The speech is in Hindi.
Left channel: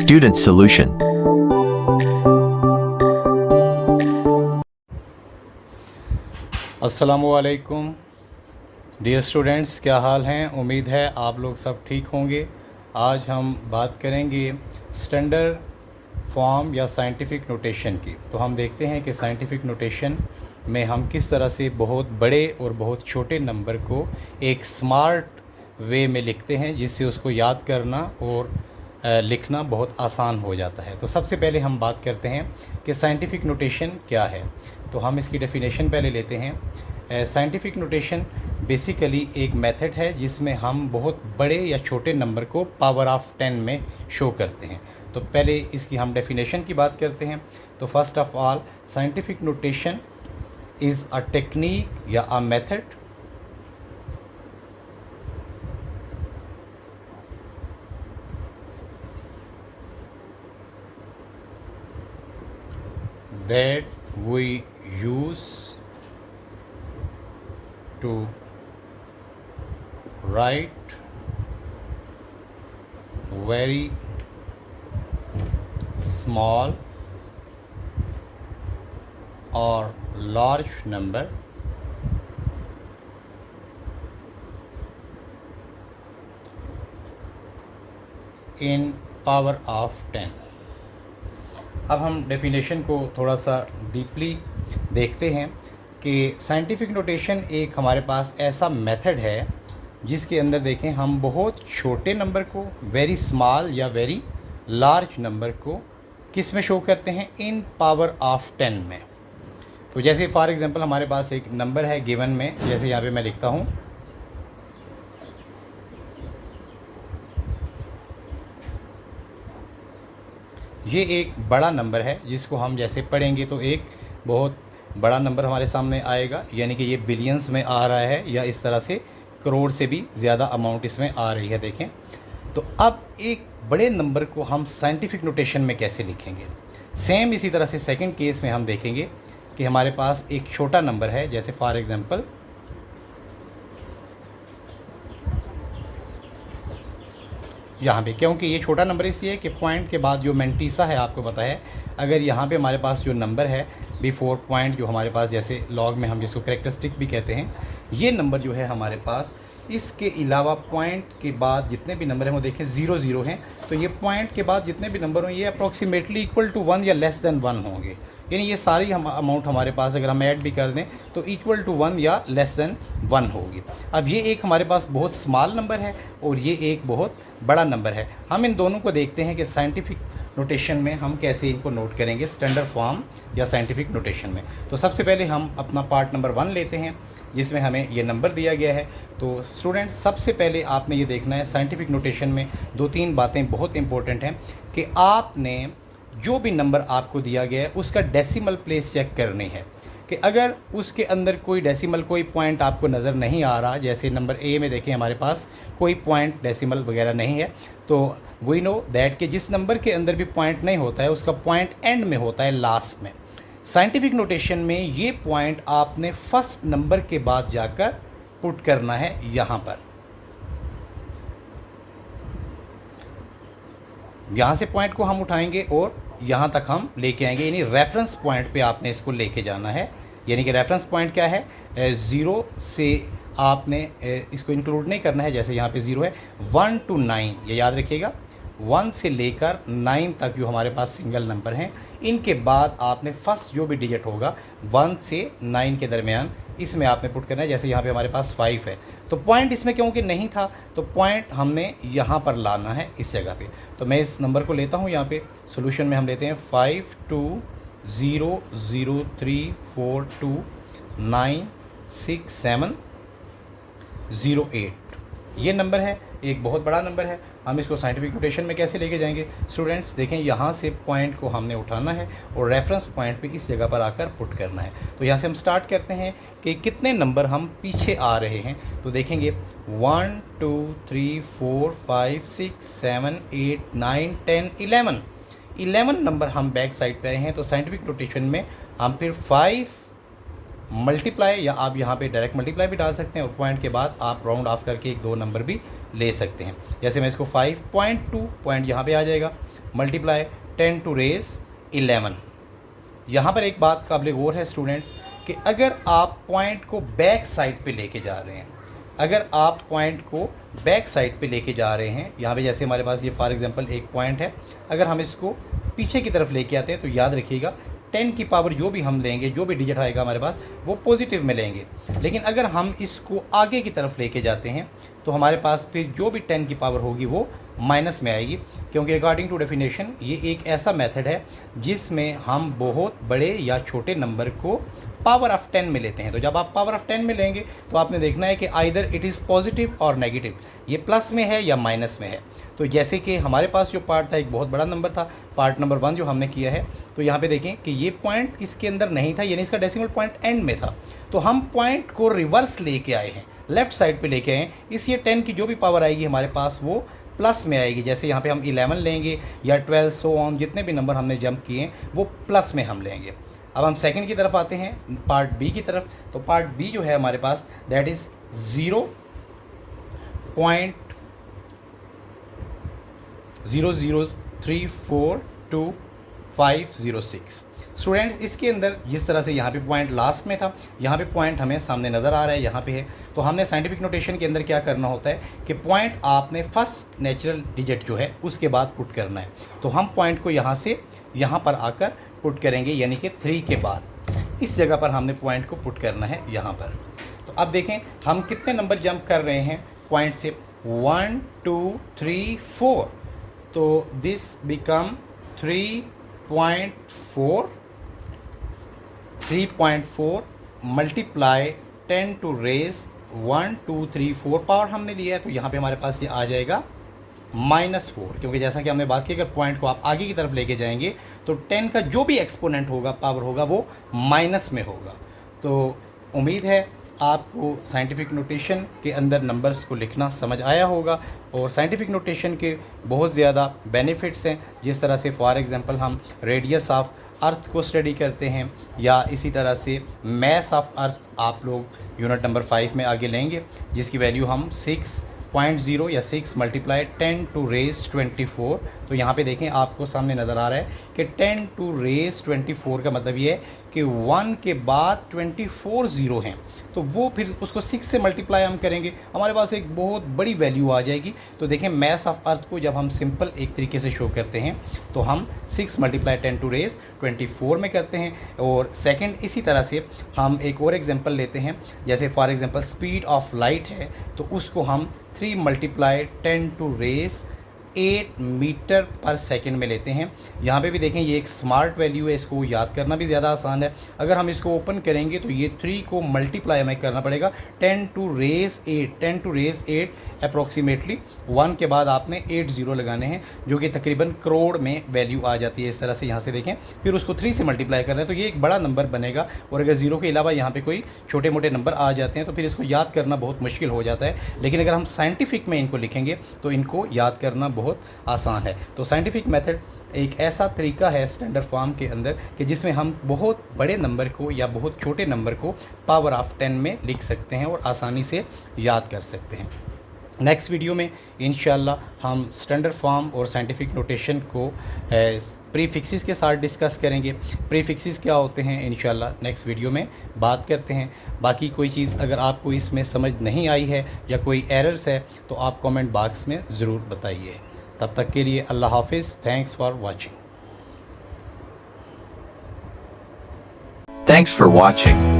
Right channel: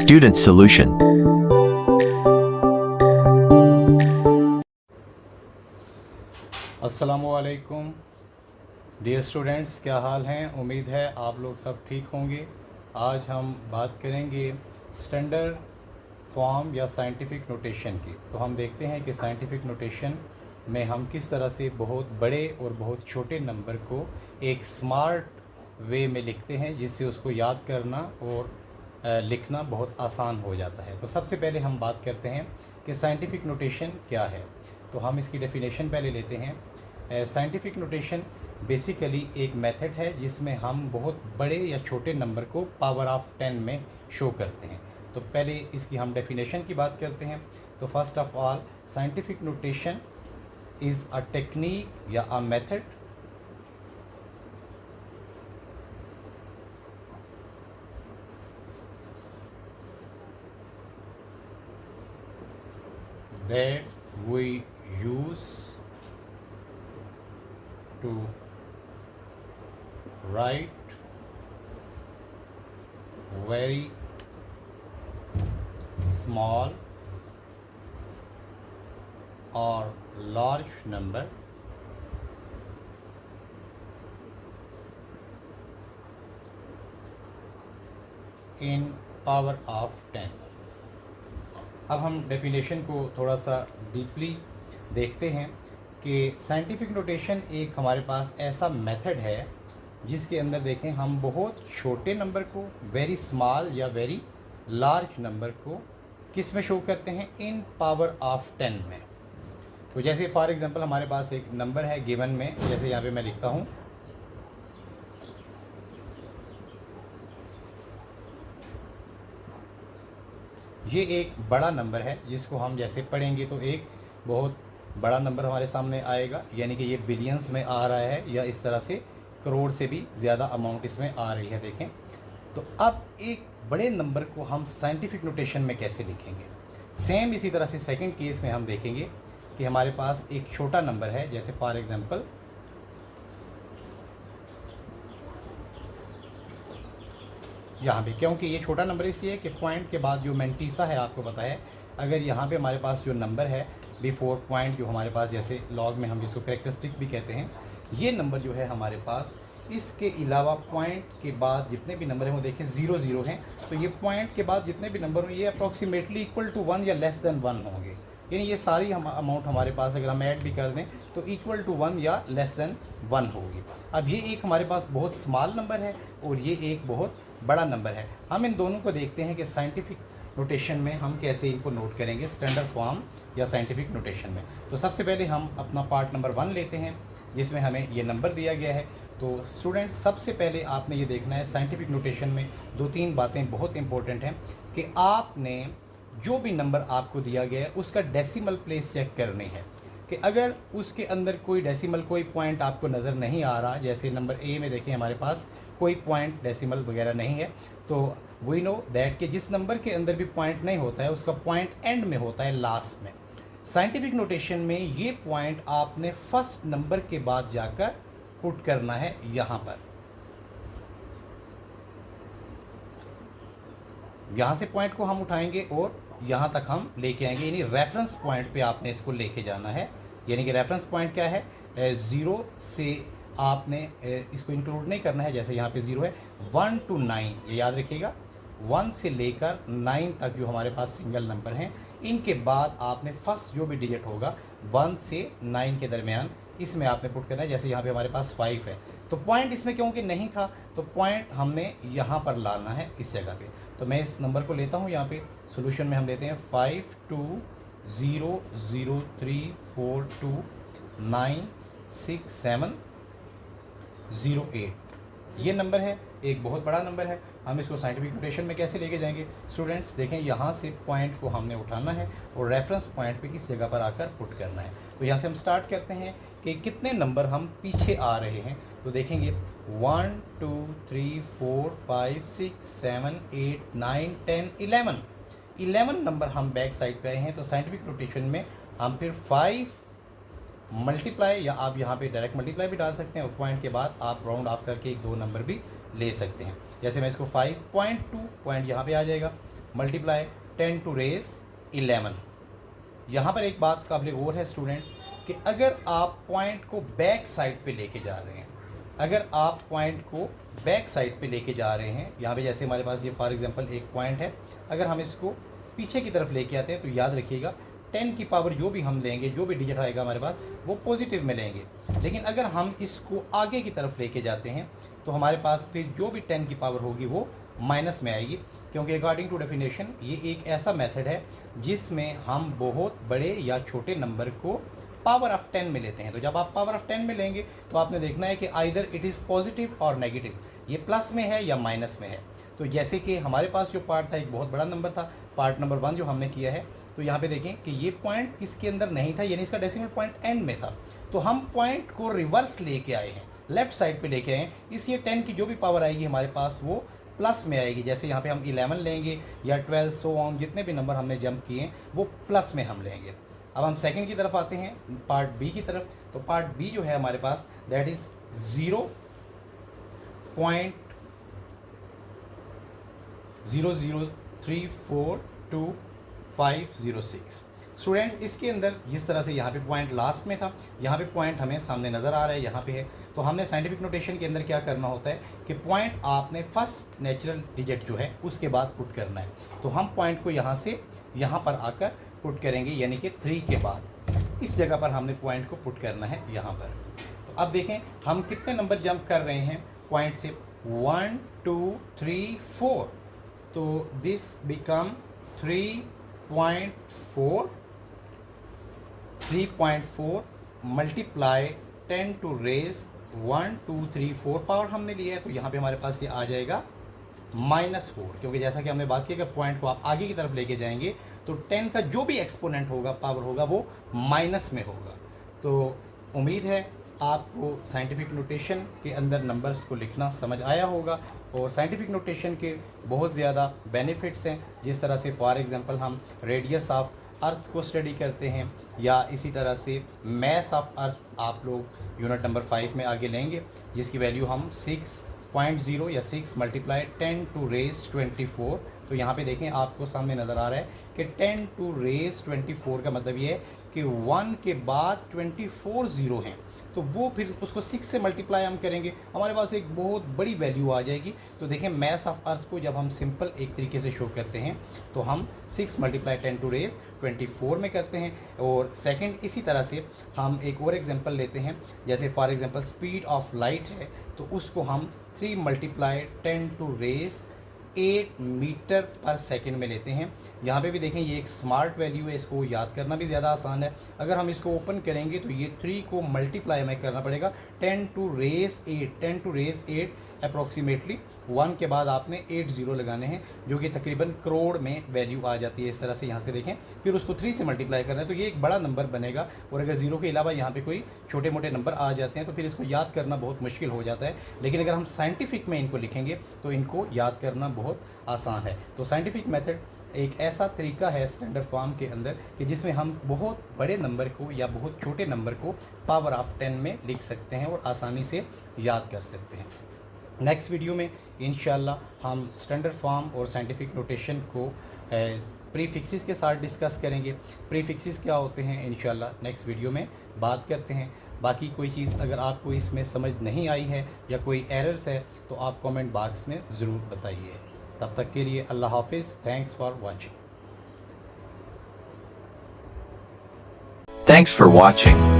Student Solution. अस्सलामुअलैकुम डियर स्टूडेंट्स, क्या हाल हैं। उम्मीद है आप लोग सब ठीक होंगे। आज हम बात करेंगे स्टैंडर्ड फॉर्म या साइंटिफिक नोटेशन की। तो हम देखते हैं कि साइंटिफिक नोटेशन में हम किस तरह से बहुत बड़े और बहुत छोटे नंबर को एक स्मार्ट वे में लिखते हैं, जिससे उसको याद करना और लिखना बहुत आसान हो जाता है। तो सबसे पहले हम बात करते हैं कि साइंटिफिक नोटेशन क्या है। तो हम इसकी डेफिनेशन पहले लेते हैं। साइंटिफिक नोटेशन बेसिकली एक मेथड है जिसमें हम बहुत बड़े या छोटे नंबर को पावर ऑफ 10 में शो करते हैं। तो पहले इसकी हम डेफिनेशन की बात करते हैं। तो first of all, scientific notation is a technique या a method that we use to write very small or large number in power of 10। अब हम डेफिनेशन को थोड़ा सा डीपली देखते हैं कि साइंटिफिक नोटेशन एक हमारे पास ऐसा मेथड है जिसके अंदर देखें हम बहुत छोटे नंबर को, वेरी स्मॉल या वेरी लार्ज नंबर को किस में शो करते हैं, इन पावर ऑफ 10 में। तो जैसे फॉर एग्जांपल हमारे पास एक नंबर है गिवन में, जैसे यहाँ पे मैं लिखता हूँ ये एक बड़ा नंबर है जिसको हम जैसे पढ़ेंगे तो एक बहुत बड़ा नंबर हमारे सामने आएगा, यानी कि ये बिलियंस में आ रहा है या इस तरह से करोड़ से भी ज़्यादा अमाउंट इसमें आ रही है। देखें तो अब एक बड़े नंबर को हम साइंटिफिक नोटेशन में कैसे लिखेंगे। सेम इसी तरह से सेकंड केस में हम देखेंगे कि हमारे पास एक छोटा नंबर है, जैसे फॉर एग्जांपल यहाँ पे, क्योंकि ये छोटा नंबर इसलिए है कि पॉइंट के बाद जो मैंटीसा है आपको पता है, अगर यहाँ पे हमारे पास जो नंबर है बिफोर पॉइंट, जो हमारे पास जैसे लॉग में हम जिसको कैरेक्टरिस्टिक भी कहते हैं, ये नंबर जो है हमारे पास, इसके अलावा पॉइंट के बाद जितने भी नंबर हैं वो देखें 0 0 हैं। तो ये पॉइंट के बाद जितने भी नंबर हों ये अप्रॉक्सीमेटली इक्वल टू 1 या लेस देन 1 होंगे, यानी ये सारी हम अमाउंट हमारे पास अगर हम ऐड भी कर दें तो इक्वल टू 1 या लेस देन 1 होगी। अब ये एक हमारे पास बहुत स्मॉल नंबर है और ये एक बहुत बड़ा नंबर है। हम इन दोनों को देखते हैं कि साइंटिफिक नोटेशन में हम कैसे इनको नोट करेंगे, स्टैंडर्ड फॉर्म या साइंटिफिक नोटेशन में। तो सबसे पहले हम अपना पार्ट नंबर 1 लेते हैं जिसमें हमें ये नंबर दिया गया है। तो स्टूडेंट, सबसे पहले आपने ये देखना है साइंटिफिक नोटेशन में 2-3 बातें बहुत इंपॉर्टेंट हैं कि आपने जो भी नंबर आपको दिया गया है उसका डेसिमल प्लेस चेक करनी है कि अगर उसके अंदर कोई डेसिमल, कोई पॉइंट आपको नज़र नहीं आ रहा, जैसे नंबर ए में देखें हमारे पास कोई पॉइंट डेसिमल वगैरह नहीं है, तो वी नो दैट कि जिस नंबर के अंदर भी पॉइंट नहीं होता है उसका पॉइंट एंड में होता है, लास्ट में। साइंटिफिक नोटेशन में ये पॉइंट आपने फर्स्ट नंबर के बाद जाकर पुट करना है यहाँ पर। यहाँ से पॉइंट को हम उठाएंगे और यहाँ तक हम लेके आएंगे, यानी रेफरेंस पॉइंट पे आपने इसको लेके जाना है। यानी कि रेफरेंस पॉइंट क्या है, 0 से आपने इसको इंक्लूड नहीं करना है, जैसे यहाँ पे 0 है, 1 to 9, ये याद रखिएगा। 1 से लेकर 9 तक जो हमारे पास सिंगल नंबर हैं, इनके बाद आपने फर्स्ट जो भी डिजिट होगा 1 से 9 के दरमियान इसमें आपने पुट करना है। जैसे यहाँ पे हमारे पास 5 है, तो पॉइंट इसमें क्योंकि नहीं था तो पॉइंट हमने यहाँ पर लाना है इस जगह पे। तो मैं इस नंबर को लेता हूँ, यहाँ पे सॉल्यूशन में हम लेते हैं 5 2 0 0 3 4 2 9 6 7 0 8, ये नंबर है, एक बहुत बड़ा नंबर है। हम इसको साइंटिफिक नोटेशन में कैसे लेके जाएंगे स्टूडेंट्स, देखें यहाँ से पॉइंट को हमने उठाना है और रेफरेंस पॉइंट पे इस जगह पर आकर पुट करना है। तो यहाँ से हम स्टार्ट करते हैं कि कितने नंबर हम पीछे आ रहे हैं। तो देखेंगे 1 2 3 4 5 6 7 8 9 10 11 नंबर हम बैक साइड पे आए हैं। तो साइंटिफिक नोटेशन में हम फिर 5 मल्टीप्लाई, या आप यहाँ पे डायरेक्ट मल्टीप्लाई भी डाल सकते हैं और पॉइंट के बाद आप राउंड ऑफ करके 1-2 नंबर भी ले सकते हैं। जैसे मैं इसको 5.2 पॉइंट यहाँ पे आ जाएगा, मल्टीप्लाई 10 टू रेज़ 11। यहाँ पर एक बात काबिल गौर है स्टूडेंट्स कि अगर आप पॉइंट को बैक साइड पे लेके जा रहे हैं, अगर आप पॉइंट को बैक साइड पे लेके जा रहे हैं, यहाँ पे जैसे हमारे पास ये फॉर एग्जांपल एक पॉइंट है, अगर हम इसको पीछे की तरफ लेके आते हैं तो याद रखिएगा 10 की पावर जो भी हम लेंगे, जो भी डिजिट आएगा हमारे पास, वो पॉजिटिव में लेंगे। लेकिन अगर हम इसको आगे की तरफ लेके जाते हैं तो हमारे पास फिर जो भी 10 की पावर होगी वो माइनस में आएगी, क्योंकि अकॉर्डिंग टू डेफिनेशन ये एक ऐसा मेथड है जिसमें हम बहुत बड़े या छोटे नंबर को पावर ऑफ 10 में लेते हैं। तो जब आप पावर ऑफ 10 में लेंगे तो आपने देखना है कि आइदर इट इज़ पॉजिटिव और नेगेटिव, ये प्लस में है या माइनस में है। तो जैसे कि हमारे पास जो पार्ट था एक बहुत बड़ा नंबर था, पार्ट नंबर 1 जो हमने किया है, तो यहाँ पे देखें कि ये पॉइंट इसके अंदर नहीं था, यानी इसका डेसिमल पॉइंट एंड में था। तो हम पॉइंट को रिवर्स लेके आए हैं, लेफ़्ट साइड पे लेके आए हैं, इसलिए 10 की जो भी पावर आएगी हमारे पास वो प्लस में आएगी। जैसे यहाँ पे हम 11 लेंगे या 12 सो ऑन, जितने भी नंबर हमने जंप किए वो प्लस में हम लेंगे। अब हम सेकंड की तरफ आते हैं, पार्ट बी की तरफ। तो पार्ट बी जो है हमारे पास दैट इज़ 0.003420506। स्टूडेंट इसके अंदर जिस तरह से यहाँ पे पॉइंट लास्ट में था, यहाँ पे पॉइंट हमें सामने नज़र आ रहा है, यहाँ पे है। तो हमने साइंटिफिक नोटेशन के अंदर क्या करना होता है कि पॉइंट आपने फर्स्ट नेचुरल डिजिट जो है उसके बाद पुट करना है। तो हम पॉइंट को यहाँ से यहाँ पर आकर पुट करेंगे, यानी कि 3 के बाद इस जगह पर हमने पॉइंट को पुट करना है यहाँ पर। तो अब देखें हम कितने नंबर जंप कर रहे हैं पॉइंट से, 1 2 3 4। तो this become 3.4 multiply 10 to raise 1 2 3 4 power हमने लिया है। तो यहाँ पे हमारे पास ये आ जाएगा -4, क्योंकि जैसा कि हमने बात की अगर पॉइंट को आप आगे की तरफ लेके जाएंगे तो 10 का जो भी एक्सपोनेंट होगा, पावर होगा, वो माइनस में होगा। तो उम्मीद है आपको साइंटिफिक नोटेशन के अंदर नंबर्स को लिखना समझ आया होगा, और साइंटिफिक नोटेशन के बहुत ज़्यादा बेनिफिट्स हैं। जिस तरह से फॉर एग्जांपल हम रेडियस ऑफ अर्थ को स्टडी करते हैं, या इसी तरह से मैस ऑफ अर्थ आप लोग यूनिट नंबर 5 में आगे लेंगे, जिसकी वैल्यू हम 6.0 या 6 मल्टीप्लाई 10 टू रेज 24। तो यहाँ पे देखें आपको सामने नज़र आ रहा है कि 10 टू रेज 24 का मतलब ये है कि 1 के बाद 24 ज़ीरो हैं, तो वो फिर उसको 6 से मल्टीप्लाई हम करेंगे, हमारे पास एक बहुत बड़ी वैल्यू आ जाएगी। तो देखें मैस ऑफ अर्थ को जब हम सिंपल एक तरीके से शो करते हैं तो हम 6 मल्टीप्लाई 10 टू रेज 24 में करते हैं। और सेकंड इसी तरह से हम एक और एग्जांपल लेते हैं, जैसे for example speed of light है, तो उसको हम 3 मल्टीप्लाई 10 टू रेज 8 मीटर पर सेकंड में लेते हैं। यहाँ पे भी देखें ये एक स्मार्ट वैल्यू है, इसको याद करना भी ज़्यादा आसान है। अगर हम इसको ओपन करेंगे तो ये 3 को मल्टीप्लाई हमें करना पड़ेगा 10 टू रेज 8 अप्रॉक्सीमेटली 1 के बाद आपने 8 ज़ीरो लगाने हैं, जो कि तकरीबन करोड़ में वैल्यू आ जाती है। इस तरह से यहाँ से देखें, फिर उसको 3 से मल्टीप्लाई कर रहे हैं तो ये एक बड़ा नंबर बनेगा। और अगर ज़ीरो के अलावा यहाँ पे कोई छोटे मोटे नंबर आ जाते हैं तो फिर इसको याद करना बहुत मुश्किल हो जाता है। लेकिन अगर हम साइंटिफिक में इनको लिखेंगे तो इनको याद करना बहुत आसान है। तो साइंटिफिक मेथड एक ऐसा तरीका है स्टैंडर्ड फॉर्म के अंदर कि जिसमें हम बहुत बड़े नंबर को या बहुत छोटे नंबर को पावर ऑफ 10 में लिख सकते हैं और आसानी से याद कर सकते हैं। नेक्स्ट वीडियो में इंशाल्लाह हम स्टैंडर्ड फॉर्म और साइंटिफिक नोटेशन को प्रीफिक्सेस के साथ डिस्कस करेंगे। प्रीफिक्सेस क्या होते हैं इंशाल्लाह नेक्स्ट वीडियो में बात करते हैं। बाकी कोई चीज़ अगर आपको इसमें समझ नहीं आई है या कोई एरर्स है तो आप कमेंट बॉक्स में ज़रूर बताइए। तब तक के लिए अल्लाह हाफिज़। Thanks for watching. Thanks for watching.